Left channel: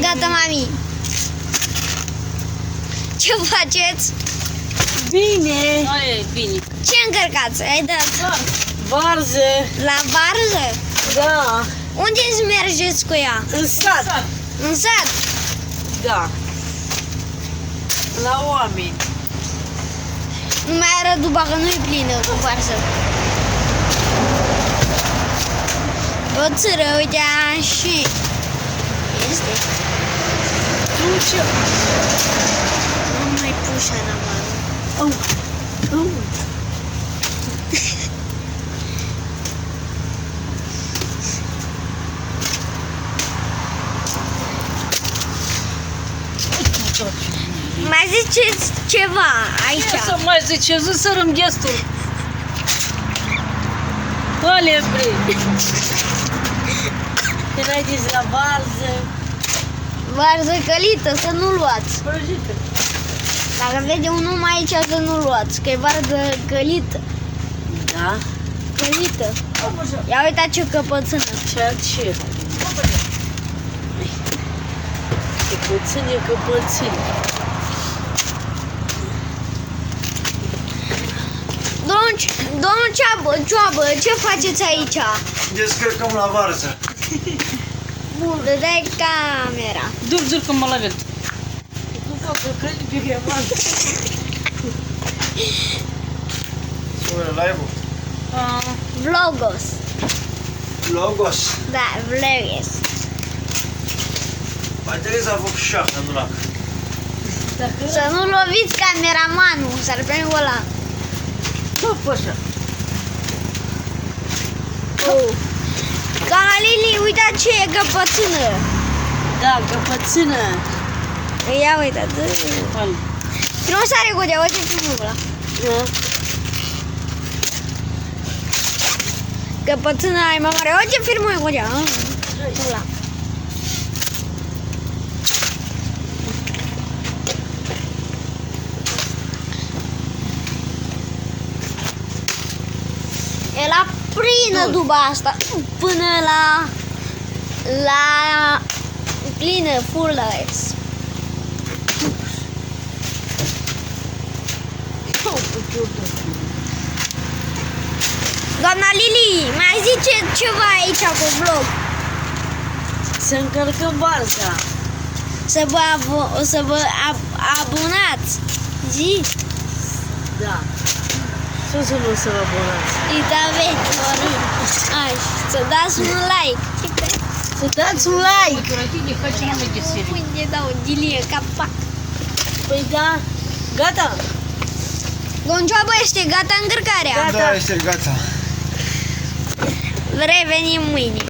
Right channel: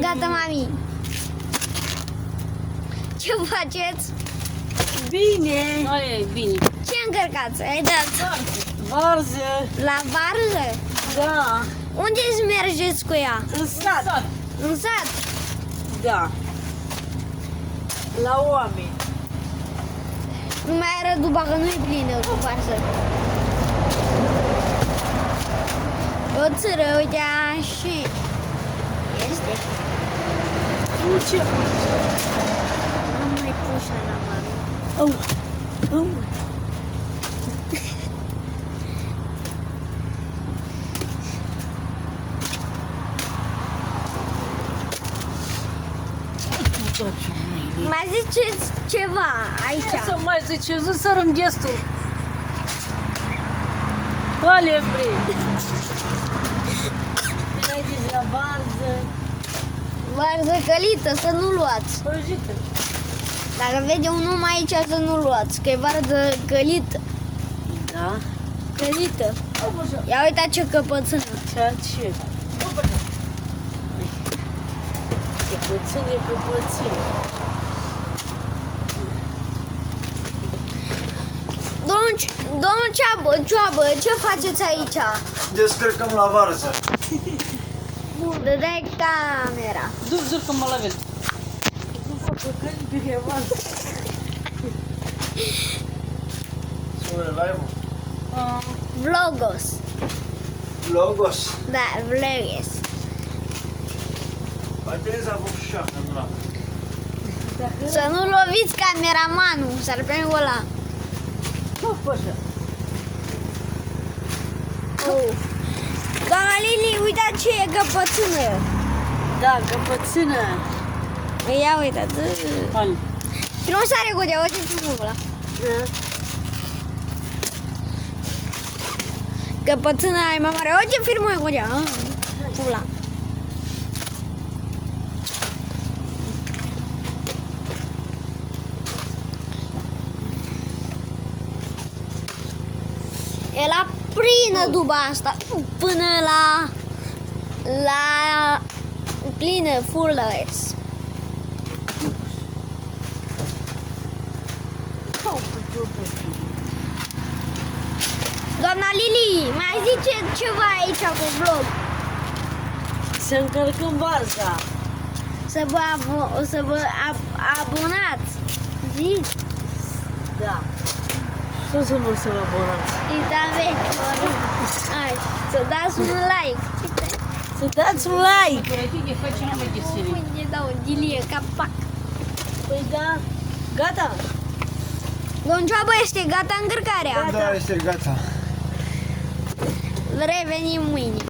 Gata, mami. Ce faceți? Bine! Aia e bine. Ce încărcați? Ai dat Varză! la varză? Da! Unde îți mergeți cu ea? În sat! În sat? Da! La oameni! Nu mai arăt duba că nu-i plină cu varză. O țără, uite așa. Este? Nu ce? Nu mai pușa la mână. Au! Au! Mai ziceți ceva Ce aici. să mai zice? Zi să răm gestul. Alea plin. Când ai zis la varză, Varză călită, să nu luați. Dacă vede un om aici, să nu luați, că e varză călită. da? Călită. Ia uita ce căpățână. Ce ce? Căpățâne, căpățâne. Domnul Cioabă, ce faceți aici? Descărcăm la varză. Dai camera. Dur-mă la vel. Nu fac că crezi pe Hevan. Spune live-ul. Vlogos. Logos. Da, vlogos. Mai trebuie să avuc șapte în durac. Să nu loviți cameramanul, s-ar pe ăla. Nu poți să. Galili, uita ce e căpățână. Da, căpățână. Ia uitați. Frumos are godea, uite frumos ăla. Da. Căpățână ai mai mare, uite frumos e godea. Ăla. E la plină duba asta, până la plină, full lights. Doamna Lili, mai zice ceva aici cu vlog. Să încărcăm varza. Să vă abonați. Zi? Da. Ce să nu să vă abonați? Și da, veți, Ai, să dați un like. Să dați un like. Unde dau dilie, capac. Păi da. Gata. Domn Cioabă, este gata încărcarea. Gata. Da, este gata. Revenim mâine.